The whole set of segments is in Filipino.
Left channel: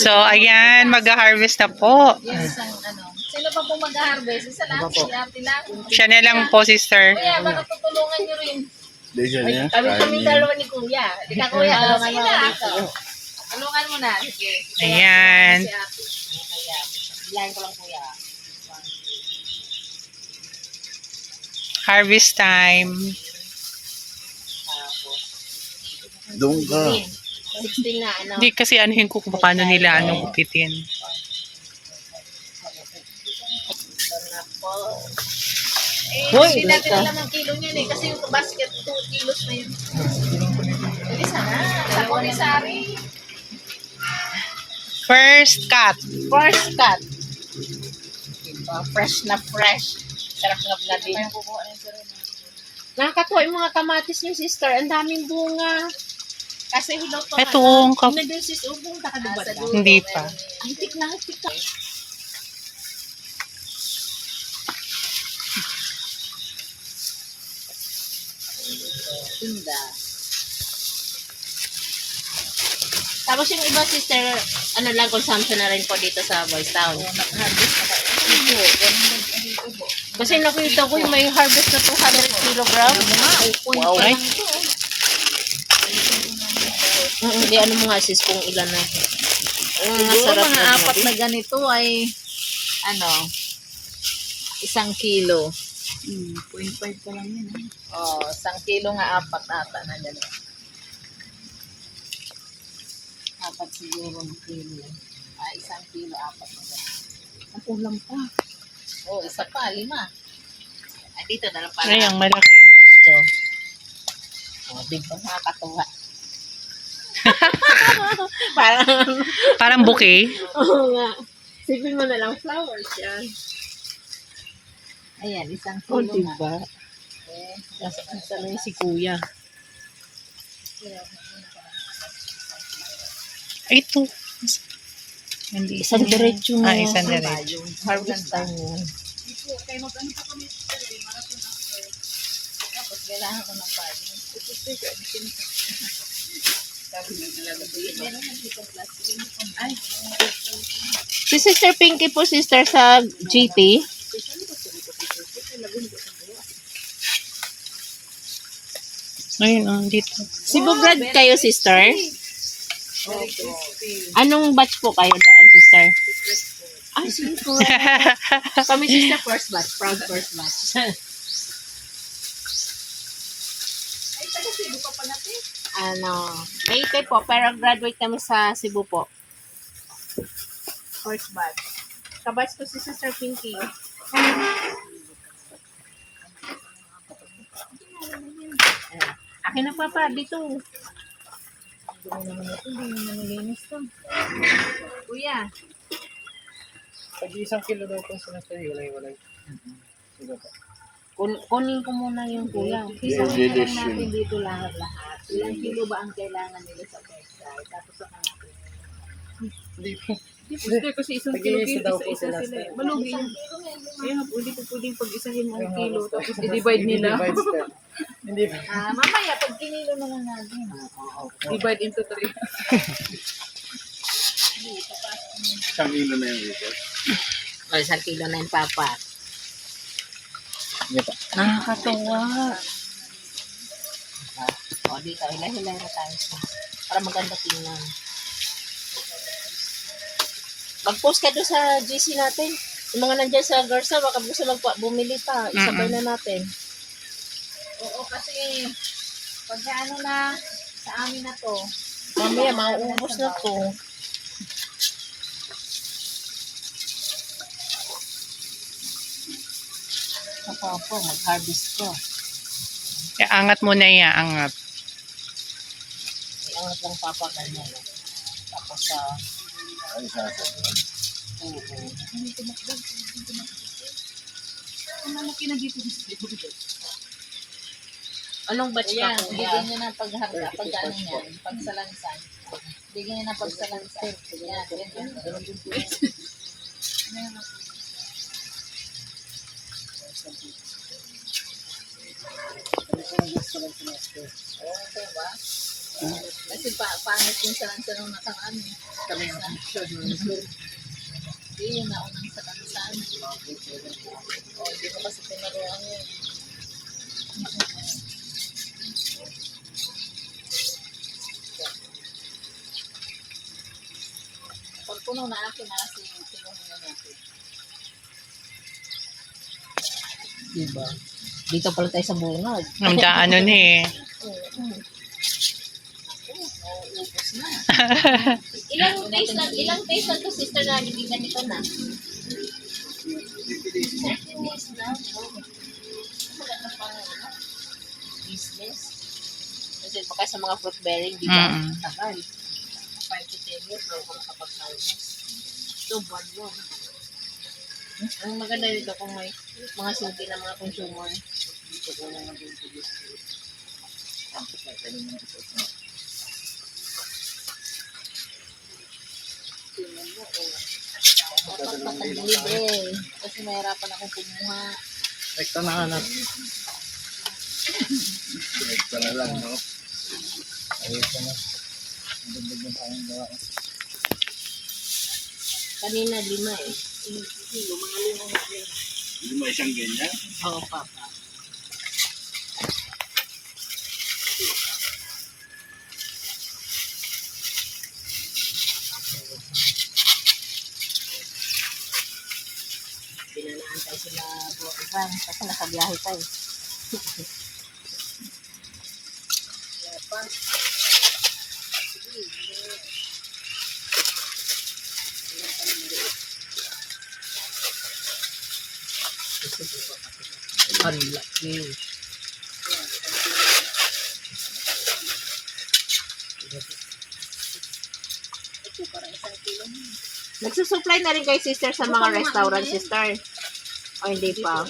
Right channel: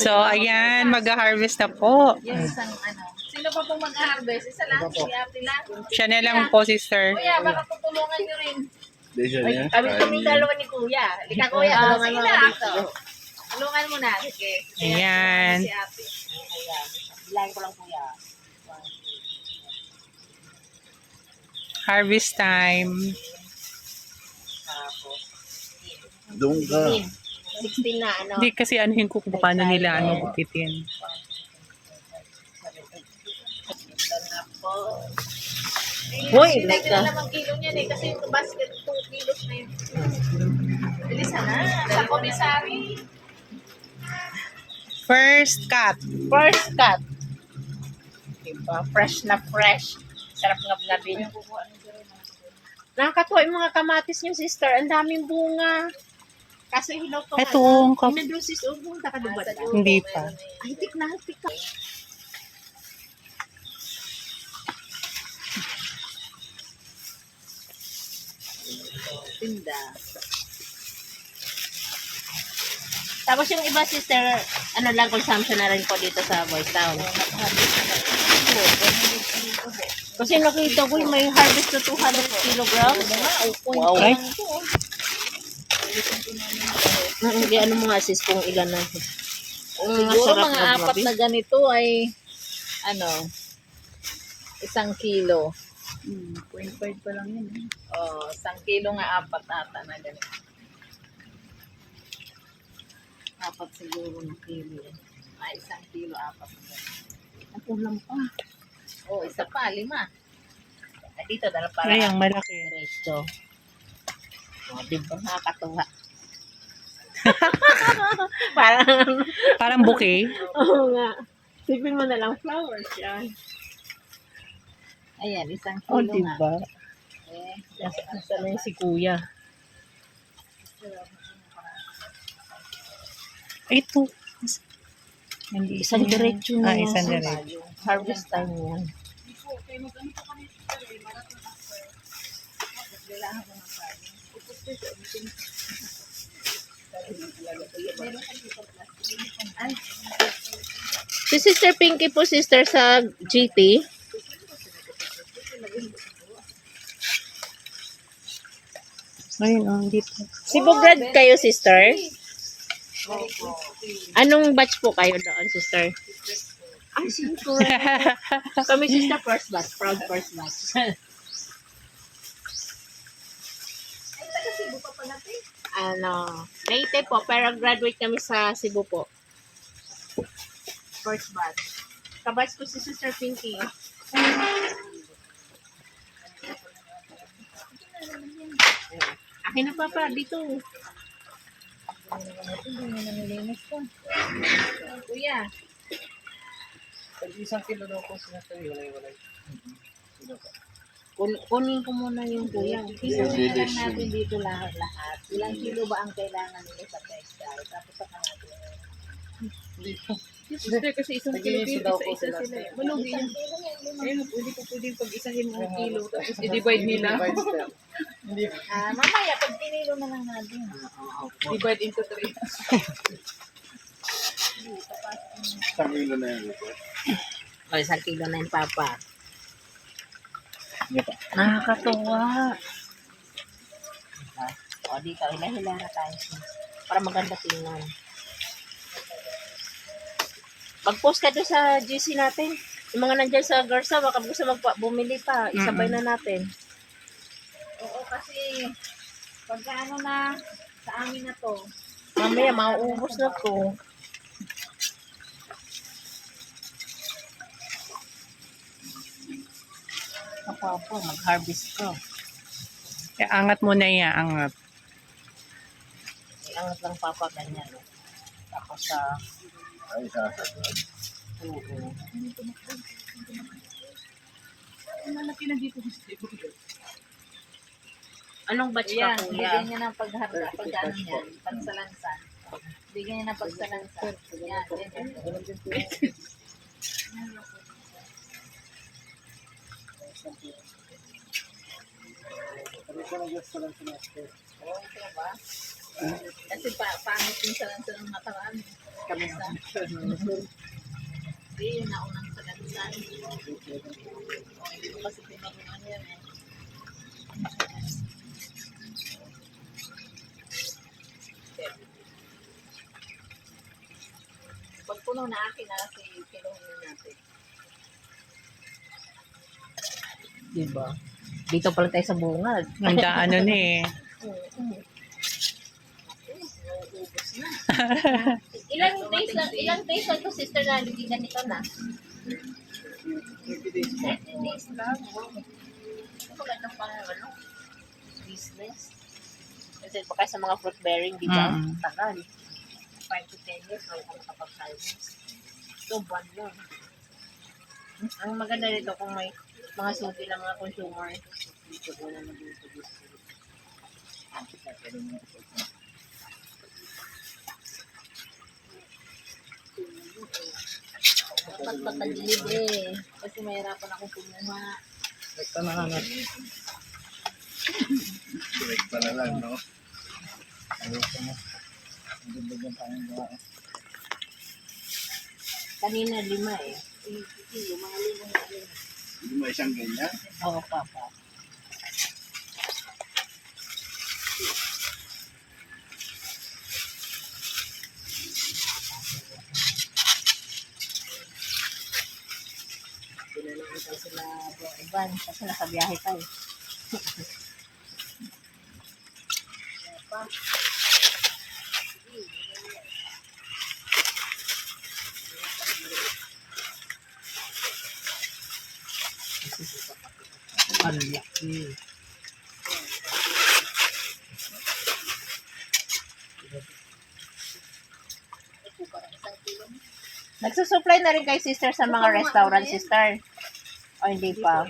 So, ayan, mag-harvest na po. Yung isang ano. Sino pa po mag-harvest? Isa lang, si Ate lang. Siya na lang po, sister. Kuya, baka tutulungan nyo rin. Kaming dalawa ni Kuya. Di ka Kuya, tulungan mo ako dito. Tulungan mo na. Sige. Ayan. Si Ate. Ayan. Bilahin ko lang Kuya. Harvest time. Tapos, Doon ka. 16 na ano. Hindi kasi anuhin ko kung paano nila gupitin. Ito na po. Hoy, natin na naman kilo niyan eh. Kasi yung basket 2 kilos na yun. Bilisan na. Sa Polisari. First cut. First cut. Diba? Fresh na fresh. Sarap nga din. Nakakatuwa yung mga kamatis niyo, sister. Ang daming bunga. Kasi hilaw to. Ito, ang kap... Nandun sis, punta ka doon ba? Hindi pa. Ay, tik na. Tinda. Tapos yung iba, sister, ano lang, consumption na rin po dito sa Boys Town. Kasi nakita ko yung may harvest na 200 kilograms. Wow. Ay, Hindi, ano mga sis kung ilan na. Mga Siguro sarap mga na apat na ganito ay ano, 1 kilo. 0.5 pa lang yun. Oh, 1 kilo nga apat ata na ganito. Apat siguro na kilo. Ay, 1 kilo apat na ganito. Ang ulam pa. Oh, isa pa, 5. Ay, dito na lang para. ayang malaki. Resto. O, diba? Nakakatuwa. Parang, Parang bouquet. oo nga. Sipin mo na lang flowers yan. Ayan, 1 Oh, kilo nga. diba? Eh, Nasa na yung si Kuya. Ito. Hindi. Isang diretso na. Isang diretso. Harvest time yun. tapos kailangan ko ng pali. Meron na dito plastic. Ay, Si Sister Pinky po, sister, sa GP. Ayun, dito. Cebu grad kayo, sister? Anong batch po kayo doon, sister? Ay, Cebu. Kami, sister, first batch. Proud first batch. ay taga Cebu ka pa natin. Late po, pero graduate kami sa Cebu po. First batch. Kabatch ko si Sister Pinky. Akin na papa, dito. Hindi naman nilinis to. Kuya, Pag 1 kilo daw po sila sa'yo, walay-walay. Kunin ko muna yung kuya. isang na lang natin dito lahat. Ilang kilo ba ang kailangan nila sa textile? Tapos sa natin. Hindi kasi isang kilo Nag-iisa daw po isa-isa sila sila. sa- Malugi Isang yun. kilo may lima. Kaya hindi po pwedeng pag-isahin mo ang kilo tapos i-divide nila. Hindi ba? Mamaya, pag kinilo na lang natin. Divide into 3. 1 kilo na yung ito. O, 1 kilo na yung papa. Hindi pa. Nakakatuwa. O, dito, hila-hila na tayo. Para maganda tingnan. Mag-post ka doon sa GC natin. Yung mga nandyan sa Garza, baka gusto bumili pa. Isabay na natin. Oo, kasi pagka ano na sa amin na to, Mamaya, mauubos na to. Kapapa, mag-harvest ka. Angat mo na yan, angat. Iangat lang papa ganyan. No? Tapos sa... Ay, sasagod. Oo. Anong batch ka, ayan, kuya? bigyan niya ng pagharga, pag ano niyan, pagsalansan. Bigyan niya ng pagsalansan. Yan, ganyan. Kami po nag-gusto lang sa master. Okay ba? Kasi pangit yung sa nung nakaraan. Kami ang Hindi, yun naunang sa kansan. O, hindi mo kasi pinaruan yun eh. Pag puno na akin na kasi kinuhin na natin. Diba? Dito pala tayo sa bungad. Ang ano na eh. Oo. Nauubos na. Ilang days lang to, sister, na hindi ganito na. 13 days lang. Wow. Maganda pa ano, business. Kasi baka sa mga fruit bearing, di ba? Mm. Tagal. 5 to 10 years bago ka makapag-harvest. So, buwan yun. Ang maganda dito kung may mga suki ng mga consumer. Dapat patag-libre. Kasi mahirapan akong kumuha. Rekta na ka na. Rekta na lang, no? Ayos ka na. Ang ganda yung kayang gawa. Kanina 5 eh. Mga limang na. Hindi mo isang ganyan? Oo, papa. Pinanaan tayo sila po Ivan kasi nakabiyahe tayo. Ang laki. Nagsusupply na rin kay sister sa mga restaurant, sister. O hindi pa?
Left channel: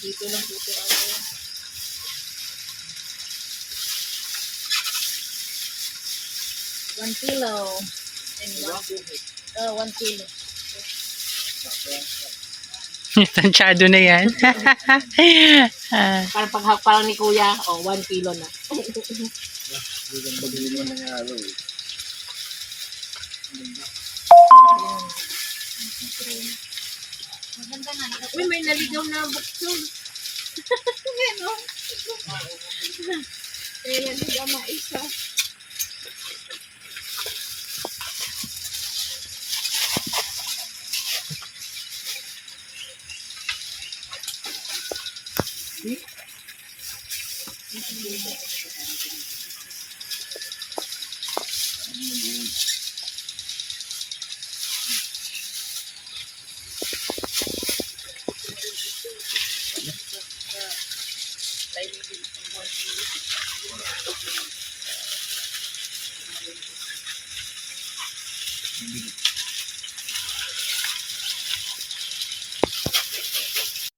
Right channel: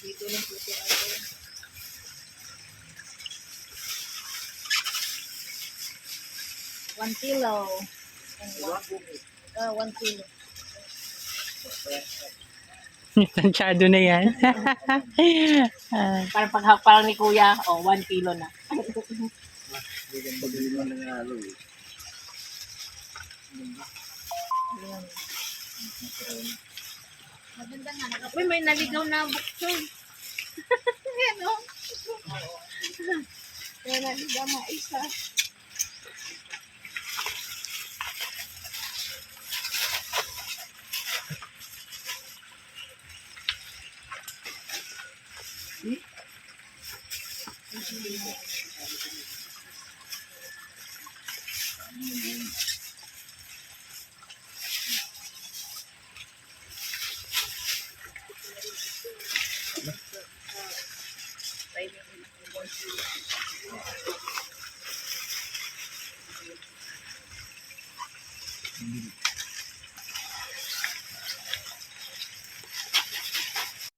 Dito lang po ako. 1 kilo. And 1 kilo. Tansyado na yan. Ah, Parang parang ni kuya, 1 kilo na. Pag-ibig mo nangyaro eh. Maganda nga. Uy, may naligaw na bukson. Yan o. May naligaw na isa.